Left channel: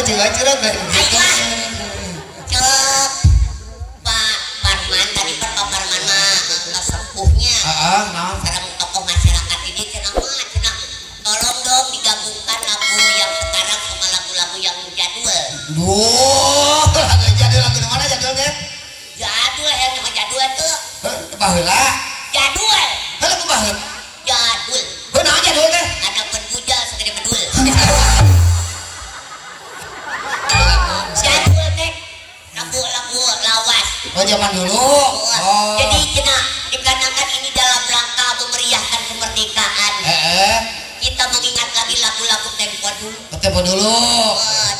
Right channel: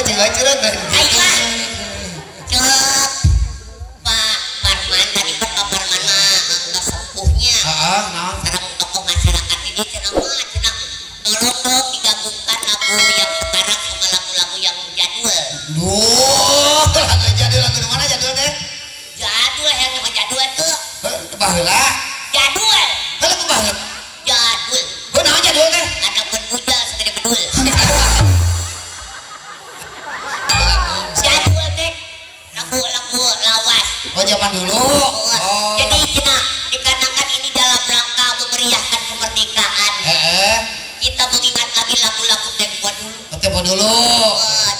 Cira-cira ben. Cek Pak Parman tadi Pak Parman mah sepuhnya. Heeh, naon? Sekarang tokoh masyarakat ini cenah tolong dong digabungkan lagu yang sekarang sama lagu-lagu yang jadul. Duh, lagu jadul lagu mana jadul teh? Jadul yang nama jadul tuh. Baheula. Jadul. Lagu baheula. Jadul. Benar jadul teh. Ada penpuja segede bedul. Jadul teh lagu-lagu lawas. Oh zaman dulu. Oh. Jadi dikarenakan ini dalam rangka memeriahkan kemerdekaan. Kita mengingat lagi lagu-lagu tempo dulu. Tempo dulu.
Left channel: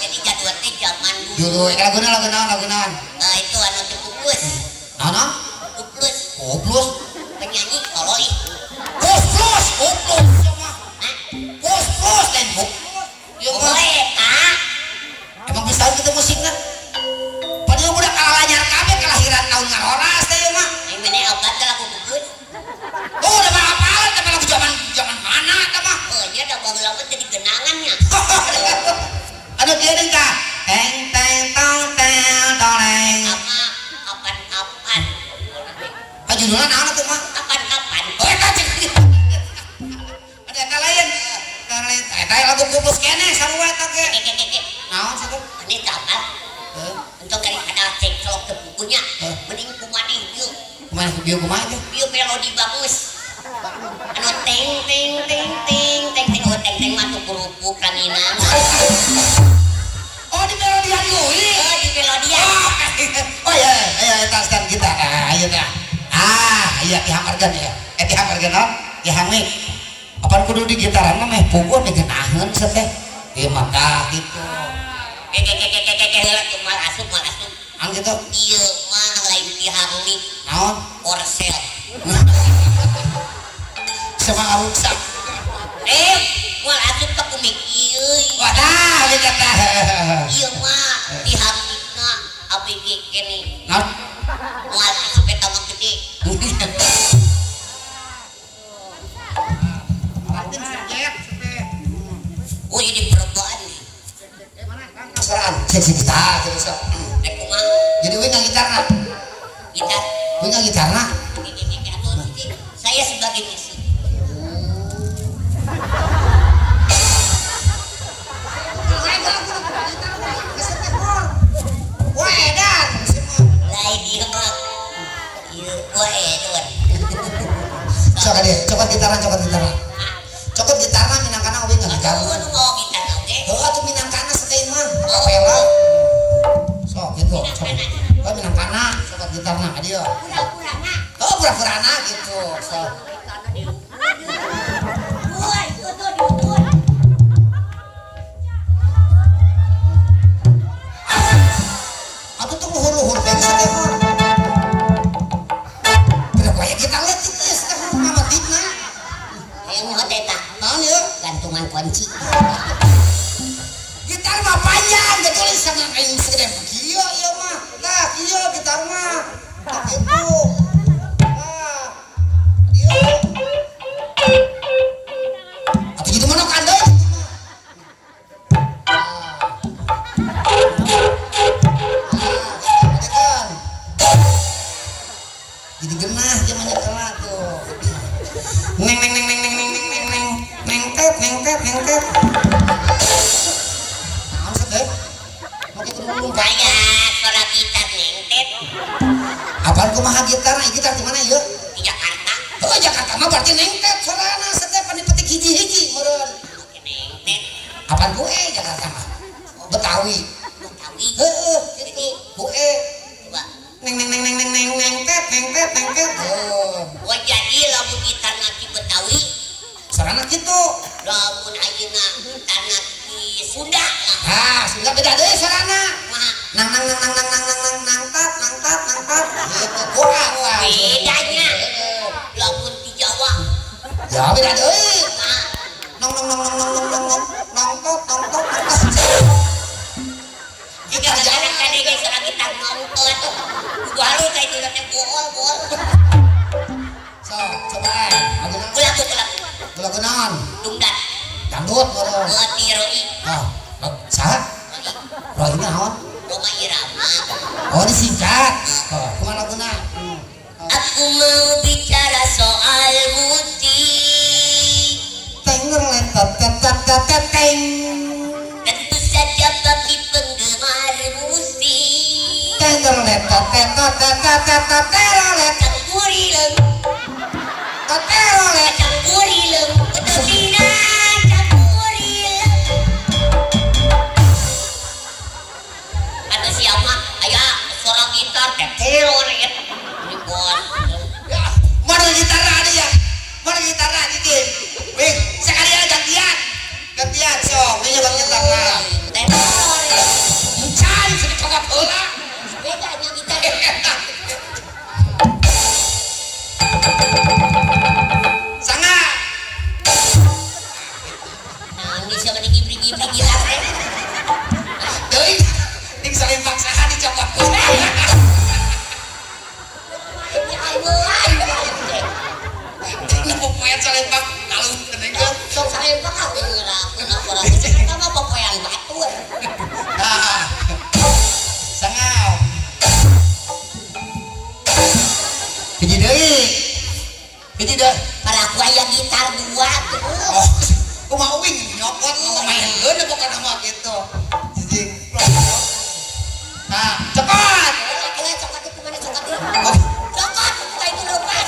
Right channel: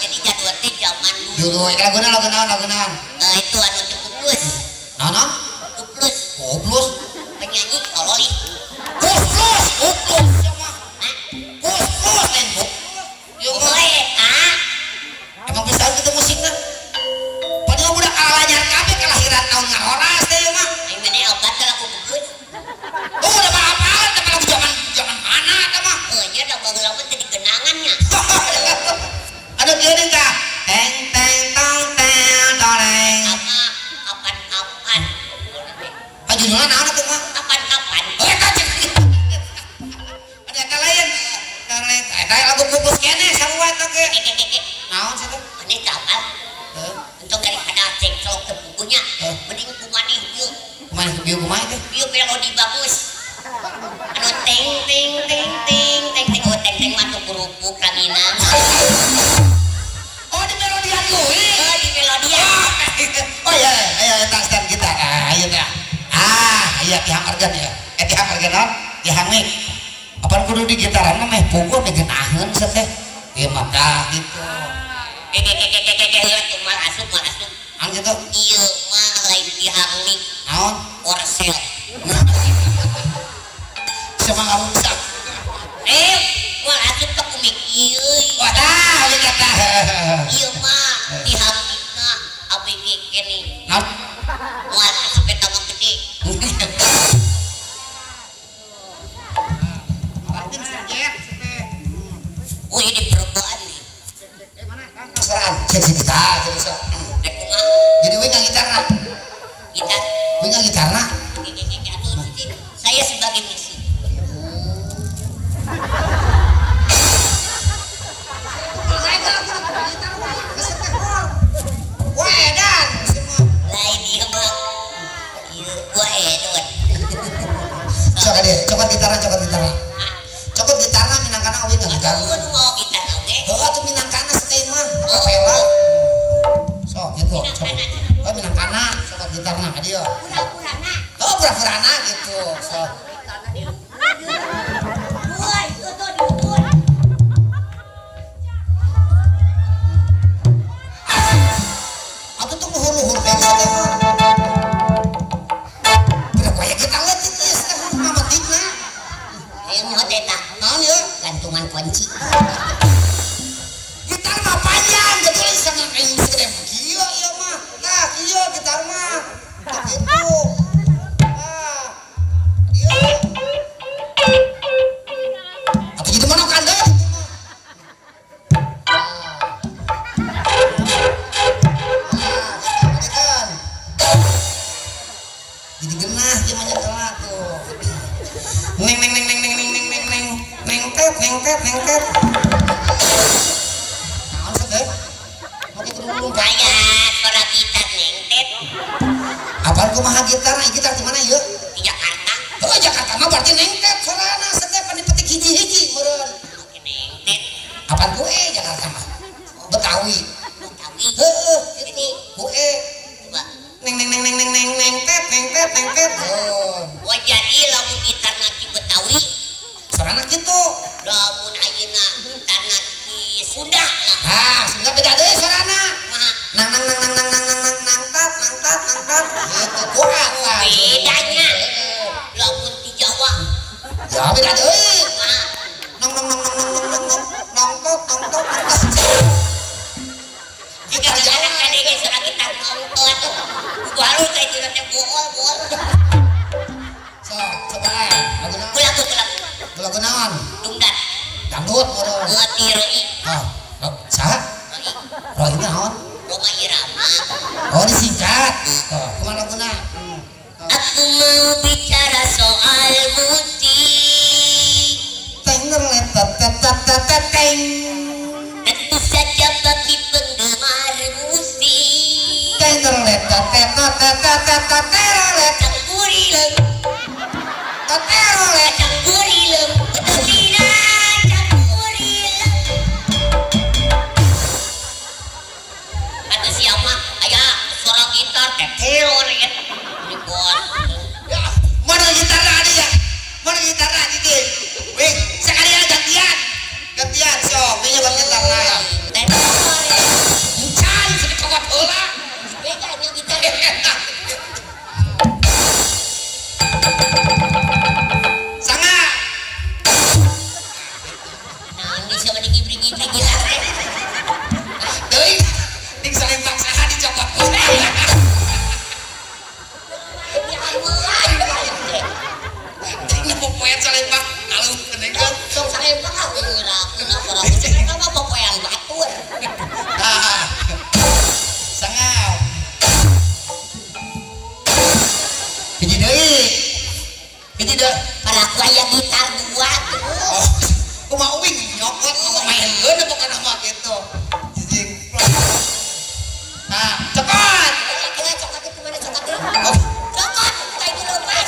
Jadi jadwal teh zaman dulu. Dulu lagu naon? Itu anu Kuplus. Nana? Kuplus. Kuplus. Penyanyi Kololi. Kuplus. Kuplus tempo. Yo emang bisa kita musiknya. Padahal udah kalahnya kabeh kelahiran tahun ngahoras teh mah. Yang mana obat lagu Kuplus. Oh, udah apa-apa tapi lagu zaman mana eta mah? Nya da bageula jadi genangannya. Ada dia nih kak. Teng teng tong teng toleng. Kapan-kapan. Judulnya naon tuh mah? Kapan-kapan. Ada kalayan. Kareng eta lagu Kuplus kene sarua eta ge. Naon sih tuh? Ini capal. Untuk daripada cek kalau ke bukunya, mending kumani yuk. Kumani bieu kumaha teh? Bieu melodi bagus. Anu ting ting ting ting ting ting oh ting ting mah tuh kerupuk ranginan. Oh di melodian deui. Di melodian. Oh ya, ayo taskan kita. Ayo dah. Ayo dihamparkeun ya. Dihamparkeun naon? Dihangik. Apaan kudu di gitaran mah meh pukul digenaheun sia teh. Ieu mah dah gitu. Mal asup. Ang gitu. Ieu mah lain dihangik. Naon? Korsel. Sama ngarusak. Mal asup teh kumik ieu. Wadah, ieu kata. Ieu mah dihangik mah ABG kene. Naon? Mal asup eta mah gede. Oh ini perempuan nih. Keseraan. Jadi kita. Jadi gue yang gitarna. Gitar. Gue yang gitarna. Saya sebagai musik. Wah edan. Lain dia mah. Iya, wah edan. Coba gitarna. Coba gitarna minangkana we yang gitarna. Oh gitar oke. Atuh minangkana sekali mah. Kapela. Sok gitu. Oh minangkana coba gitarna ka dieu. Pura-purana. Oh pura-purana gitu. Sok. Woi, itu diukur. Atuh tuh luhur-luhur pengen teh. Tidak kayak kita lihat itu sekarang mama tipna. Yang mau teta. Naon ya? Gantungan kunci. Gitar mah panjang, jadi sama kayak segede kieu ieu mah. Tah, kieu gitar mah. Gitu. Iya. Apa jadi mana kande? Jadi genah gimana kena tuh. Neng. Nengket. Maksud deh? Mau kita dulu Kayak suara gitar nengtet. apaan kumaha gitar? Gitar di mana yuk? Di Jakarta. Oh Jakarta mah berarti nengket soalnya setiap kan dipetik hiji-hiji meureun. Nengtet. Apaan gue Jakarta mah? Betawi. Betawi. Heeh, itu gue. Coba. Nengket. Oh, Wah jadi lagu gitar nanti Betawi. sarana gitu. Lamun ayeuna tanah di Sunda. Sudah beda deh sarana. Nah, Nangkat. Gitu. Wah. bedanya. Lamun di Jawa. Ya beda deh. Nah, Nangkot. jika jalan kadege suara gitar nongtot. Baru saya juga teh bool. So, coba. Lagu naon? Dungdat. Dangdut meureun. Tirei. Saha? Roy naon? Roma Irama. Oh disingkat. Oh, kemana guna? Aku mau bicara soal musik. Tengger letot tetot teng. Tentu saja bagi penggemar musik. Tengger letot tetot tetot Campurileung. tetot Campurileung. Utusina campurileung. Kata siapa? Aya suara gitar tetero nih. Ini bos. Mana gitar ada ya? Mana gitar ada gitu? Sekali aja gantian sok, ini bang gitar ya. Tetero. Mencari sedekawat heula. Beda nya gitar. Sanga. Nah, ini siapa digibri-gibri gitarnya? Deui, ting salempak saha dicopot. Ini popoyan salempak kalau kenengkeun. Sok salempak apa yang ngerakkeun antara musik kan mah popoyan batur. Nah. Sanga. Hiji deui. Hiji deui. Para aku aya gitar dua tuh. Oh, kumaha uing nyopot maenkeun bukan mah gitu. Jijing. Nah, cepat. Coklat itu mana coklat itu? Oh, Coklat, kayak itu lepas.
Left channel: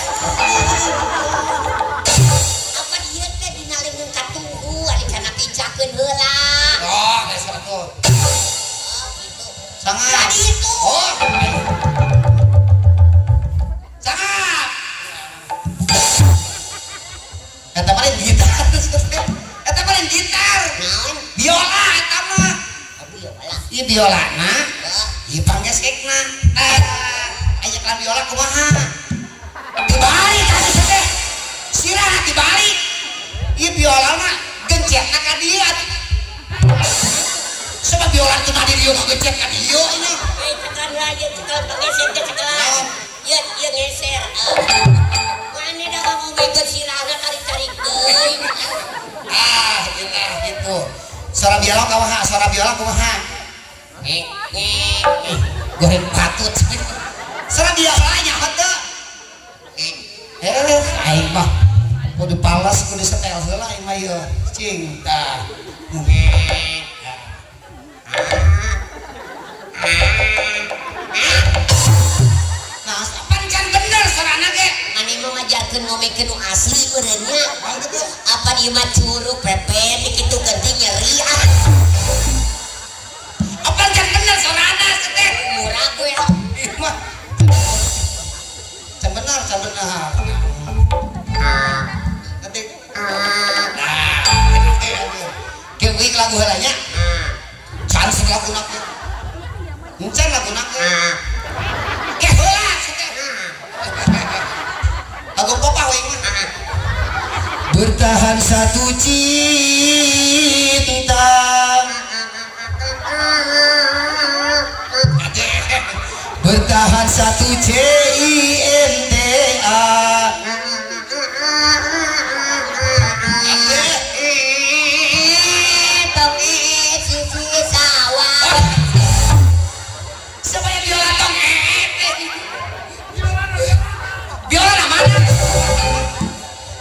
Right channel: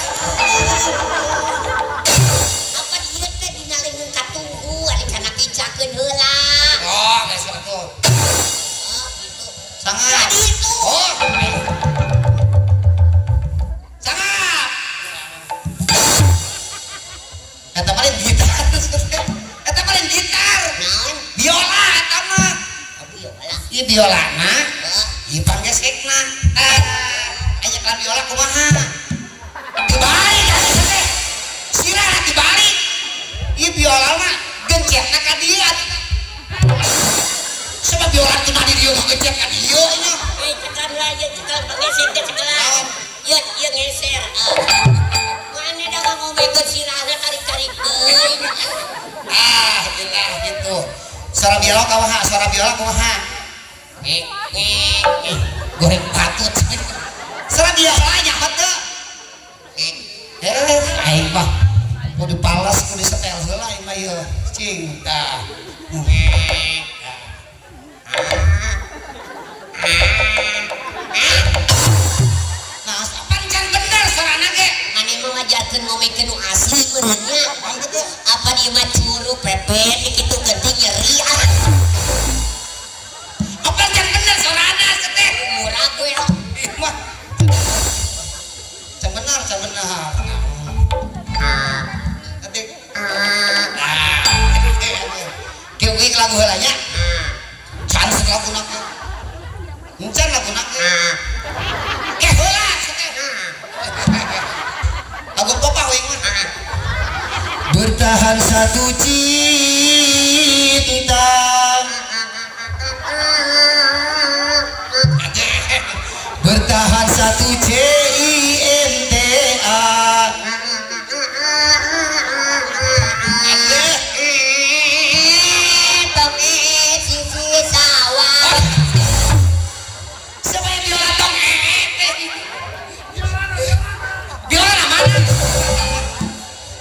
Apa dia teh dinalengeun ka tugu, ari kana pincakeun heula. oh, geus atuh. Oh, gitu. Sanga. Tadi itu. Oh. Sanga. Eta paling gitar. Eta paling gitar. Naon? Biola eta mah. Oh, biola. Ieu biolana. Oh, Ieu panggesekna. Aya kan biola kumaha? Dibalik atuh teh. Sirah dibalik. Ieu biola mah gencetna ka dieu. Sebab biola cuma di dieu gencet ka dieu ini. cekan aja, cekan geser ke cekan. Iya geser. Mana dah ngomong ke sirahnya tarik-tarik deui. Gitu. Suara biola kumaha? Goreng patut. Suara biola nya heuh. Aing mah kudu palas kudu setel heula aing mah ieu. Cinta. Nah, panjang bener suarana ge. Mana mau ngajarkeun ngomongkeun nu asli urangnya. Oh gitu. Apa di mah curug pepet dikitu geuting nyeri ah. Apa yang bener suarana teh? Murah gue. Mah. Can bener. Nanti. Kieu lagu heulanya. Sanes laguna teh. Encan laguna teh. Heula lagu popah we. Bertahan satu cinta. Bertahan satu cinta. Tapi sisi sawah. Siapa yang biola tong? Biola mana?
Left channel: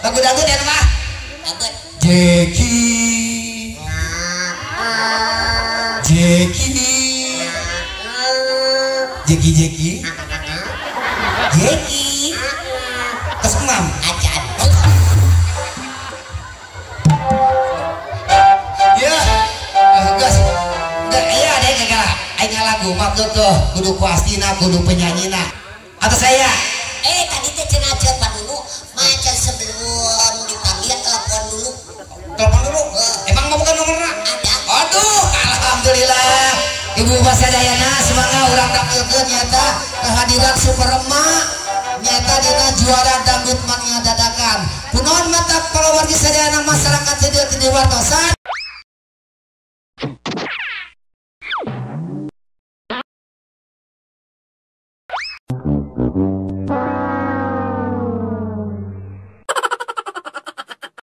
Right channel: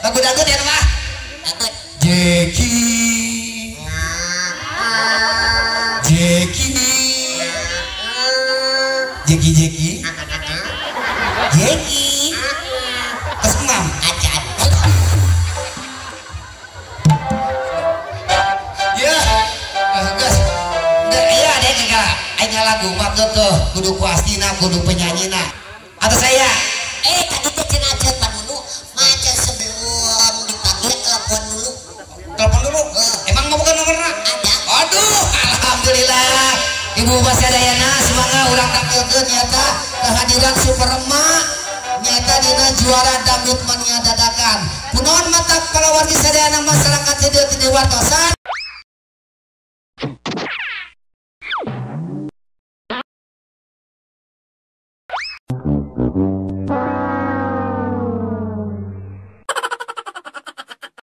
Lagu-lagu dan mah. Dapat. Jeki. Kesemam. Acan. Ya. Gas. Enggak iya deh kagak. Aing lagu mah tuh kudu kuastina, kudu penyanyina. Atau saya? Tadi teh cenah cepat dulu. Macan sebelum dipanggil telepon dulu. Telepon dulu. Emang mau bukan nomornya? Ada. Aduh, alhamdulillah. Ibu Basadayana semoga urang tampilkeun nyata kehadiran Superma nyata dina juara dangdut mania dadakan. Punaon mata kalawargi sadayana masyarakat teu diwatosan